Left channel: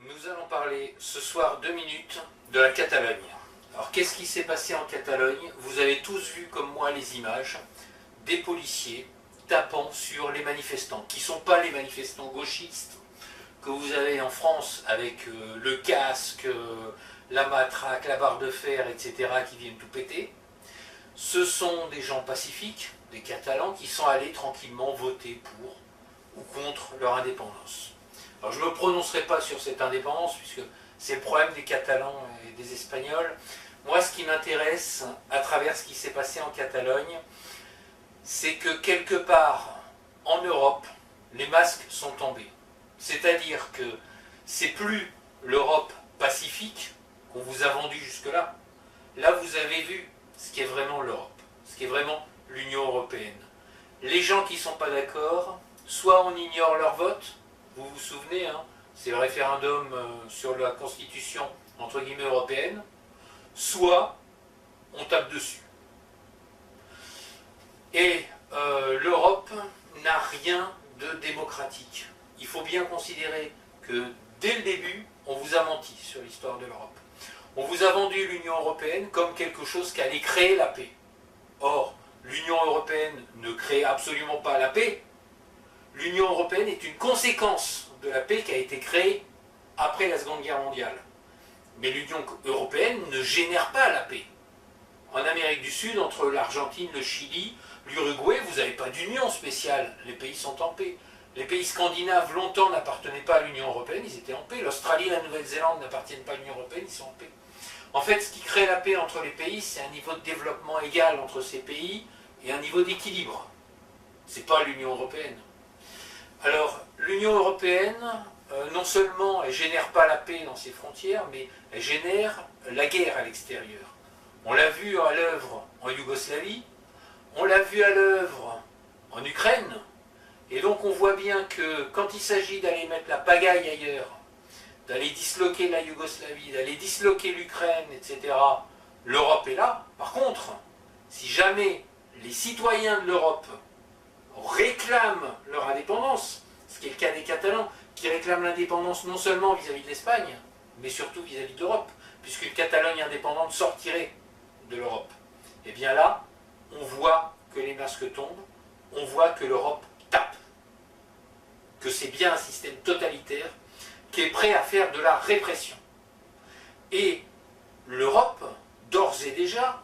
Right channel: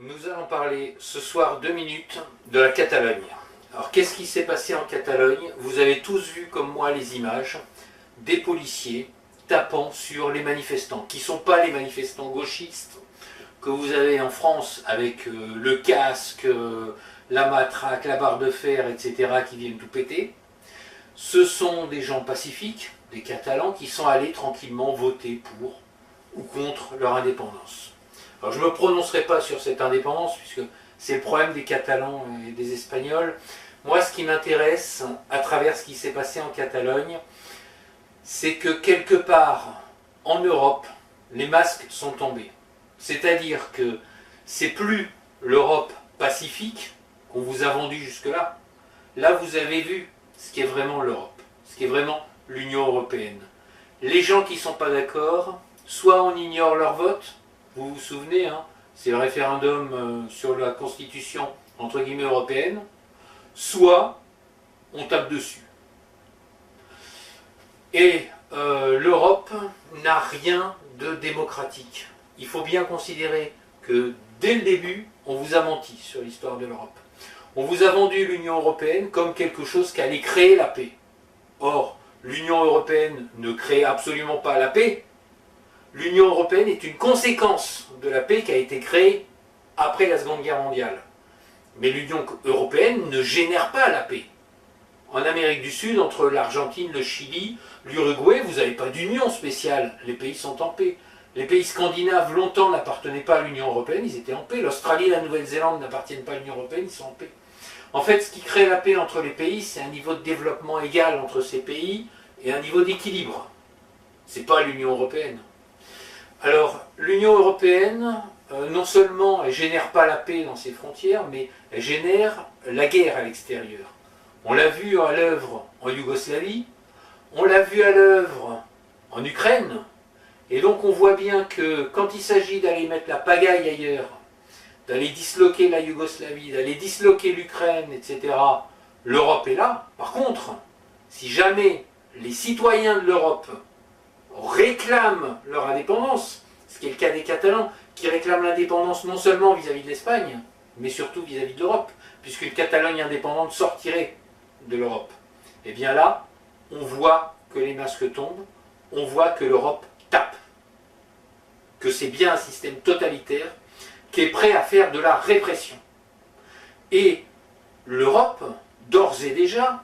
Nous allons parler ce soir 2 minutes de la Catalogne. Alors qu'est-ce qui s'est passé en Catalogne? Vous avez tous vu comme moi les images des policiers tapant sur les manifestants, qui ne sont pas les manifestants gauchistes que vous avez en France avec le casque, la matraque, la barre de fer, etc. qui viennent tout péter. Ce sont des gens pacifiques, des Catalans, qui sont allés tranquillement voter pour ou contre leur indépendance. Alors je ne me prononcerai pas sur cette indépendance, puisque c'est le problème des Catalans et des Espagnols. Moi, ce qui m'intéresse, à travers ce qui s'est passé en Catalogne, c'est que quelque part, en Europe, les masques sont tombés. C'est-à-dire que c'est plus l'Europe pacifique qu'on vous a vendue jusque-là. Là, vous avez vu ce qu'est vraiment l'Europe, ce qu'est vraiment l'Union européenne. Les gens qui ne sont pas d'accord, soit on ignore leur vote. Vous vous souvenez, hein, c'est le référendum sur la constitution entre guillemets européenne, soit on tape dessus. Et l'Europe n'a rien de démocratique. Il faut bien considérer que dès le début, on vous a menti sur l'histoire de l'Europe. On vous a vendu l'Union européenne comme quelque chose qui allait créer la paix. Or, l'Union européenne ne crée absolument pas la paix. L'Union européenne est une conséquence de la paix qui a été créée après la Seconde Guerre mondiale. Mais l'Union européenne ne génère pas la paix. En Amérique du Sud, entre l'Argentine, le Chili, l'Uruguay, vous n'avez pas d'union spéciale. Les pays sont en paix. Les pays scandinaves, longtemps, n'appartenaient pas à l'Union européenne, ils étaient en paix. L'Australie et la Nouvelle-Zélande n'appartiennent pas à l'Union européenne, ils sont en paix. En fait, ce qui crée la paix entre les pays, c'est un niveau de développement égal entre ces pays et un niveau d'équilibre. Ce n'est pas l'Union européenne. Alors, l'Union européenne, non seulement elle ne génère pas la paix dans ses frontières, mais elle génère la guerre à l'extérieur. On l'a vu à l'œuvre en Yougoslavie, on l'a vu à l'œuvre en Ukraine, et donc on voit bien que quand il s'agit d'aller mettre la pagaille ailleurs, d'aller disloquer la Yougoslavie, d'aller disloquer l'Ukraine, etc., l'Europe est là. Par contre, si jamais les citoyens de l'Europe réclament leur indépendance, ce qui est le cas des Catalans, qui réclament l'indépendance non seulement vis-à-vis de l'Espagne, mais surtout vis-à-vis de l'Europe, puisqu'une Catalogne indépendante sortirait de l'Europe. Et bien là, on voit que les masques tombent, on voit que l'Europe tape, que c'est bien un système totalitaire qui est prêt à faire de la répression. Et l'Europe, d'ores et déjà,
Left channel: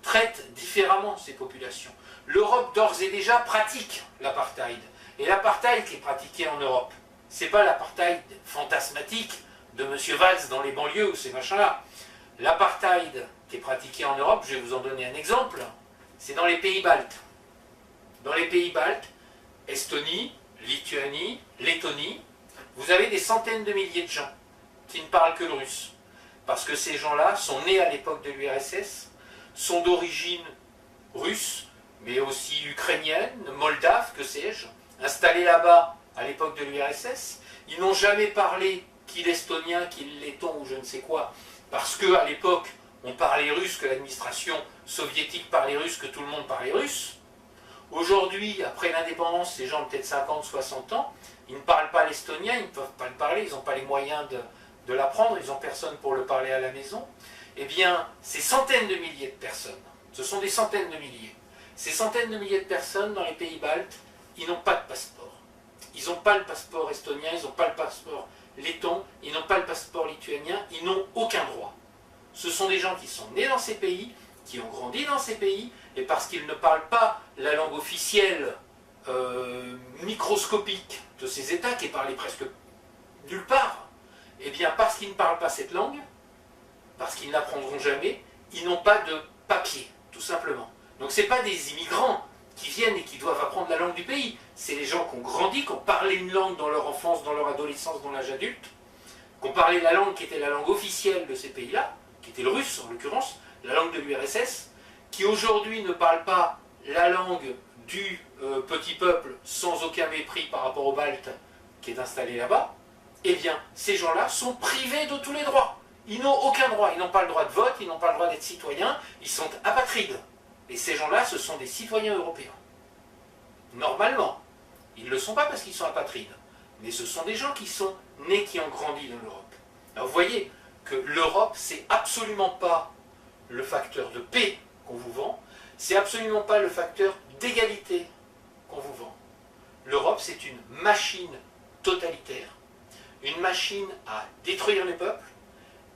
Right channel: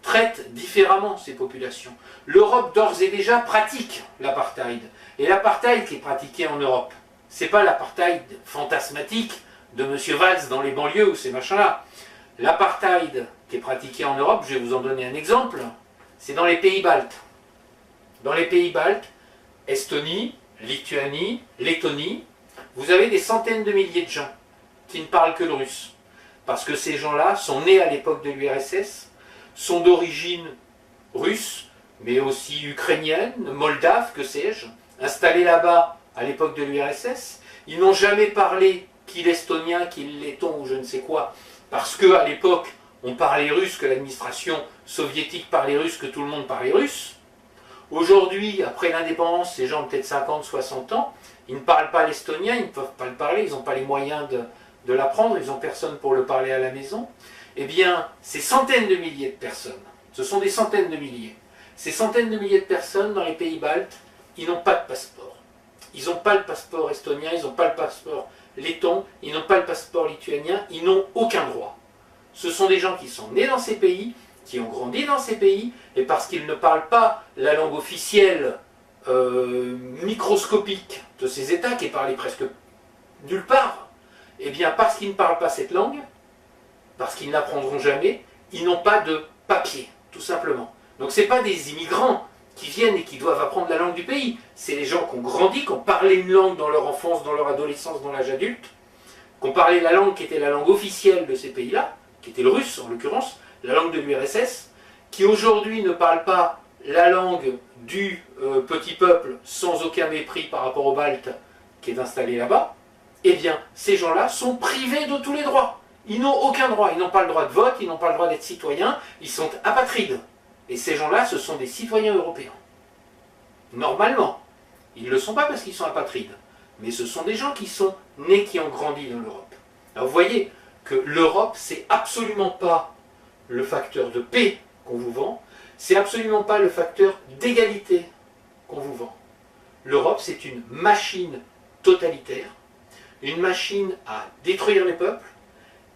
traite différemment ces populations. L'Europe, d'ores et déjà, pratique l'apartheid. Et l'apartheid qui est pratiqué en Europe, c'est pas l'apartheid fantasmatique de M. Valls dans les banlieues ou ces machins-là. L'apartheid qui est pratiqué en Europe, je vais vous en donner un exemple, c'est dans les pays baltes. Dans les pays baltes, Estonie, Lituanie, Lettonie, vous avez des centaines de milliers de gens qui ne parlent que le russe. Parce que ces gens-là sont nés à l'époque de l'URSS, sont d'origine russe, mais aussi ukrainienne, moldave, que sais-je, installés là-bas à l'époque de l'URSS. Ils n'ont jamais parlé qu'il estonien, qu'il letton ou je ne sais quoi, parce qu'à l'époque, on parlait russe, que l'administration soviétique parlait russe, que tout le monde parlait russe. Aujourd'hui, après l'indépendance, ces gens ont peut-être 50, 60 ans, ils ne parlent pas l'estonien, ils ne peuvent pas le parler, ils n'ont pas les moyens de l'apprendre, ils n'ont personne pour le parler à la maison. Eh bien, ces centaines de milliers de personnes, ce sont des centaines de milliers, ces centaines de milliers de personnes dans les pays baltes, ils n'ont pas de passeport. Ils n'ont pas le passeport estonien, ils n'ont pas le passeport letton, ils n'ont pas le passeport lituanien, ils n'ont aucun droit. Ce sont des gens qui sont nés dans ces pays, qui ont grandi dans ces pays, et parce qu'ils ne parlent pas la langue officielle microscopique de ces États, qui est parlée presque nulle part, et bien parce qu'ils ne parlent pas cette langue, parce qu'ils n'apprendront jamais, ils n'ont pas de papier, tout simplement. Donc ce n'est pas des immigrants qui viennent et qui doivent apprendre la langue du pays, c'est les gens qui ont grandi, qui ont parlé une langue dans leur enfance, dans leur adolescence, dans l'âge adulte, qui ont parlé la langue qui était la langue officielle de ces pays-là, qui était le russe en l'occurrence, la langue de l'URSS, qui aujourd'hui ne parlent pas la langue du petit peuple sans aucun mépris par rapport aux Baltes qui est installé là-bas, eh bien ces gens-là sont privés de tous les droits. Ils n'ont aucun droit, ils n'ont pas le droit de vote, ils n'ont pas le droit d'être citoyens, ils sont apatrides. Et ces gens-là, ce sont des citoyens européens. Normalement, ils ne le sont pas parce qu'ils sont apatrides, mais ce sont des gens qui sont nés, qui ont grandi dans l'Europe. Alors vous voyez que l'Europe, c'est absolument pas le facteur de paix qu'on vous vend, c'est absolument pas le facteur d'égalité qu'on vous vend. L'Europe, c'est une machine totalitaire, une machine à détruire les peuples,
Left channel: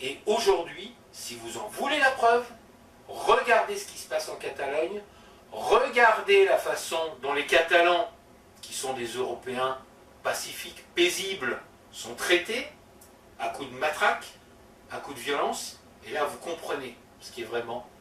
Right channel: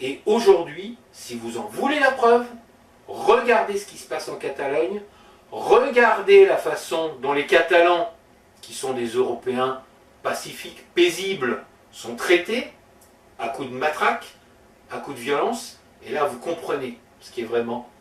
et aujourd'hui, si vous en voulez la preuve, regardez ce qui se passe en Catalogne, regardez la façon dont les Catalans, qui sont des Européens pacifiques, paisibles, sont traités, à coups de matraque, à coups de violence, et là vous comprenez ce qui est vraiment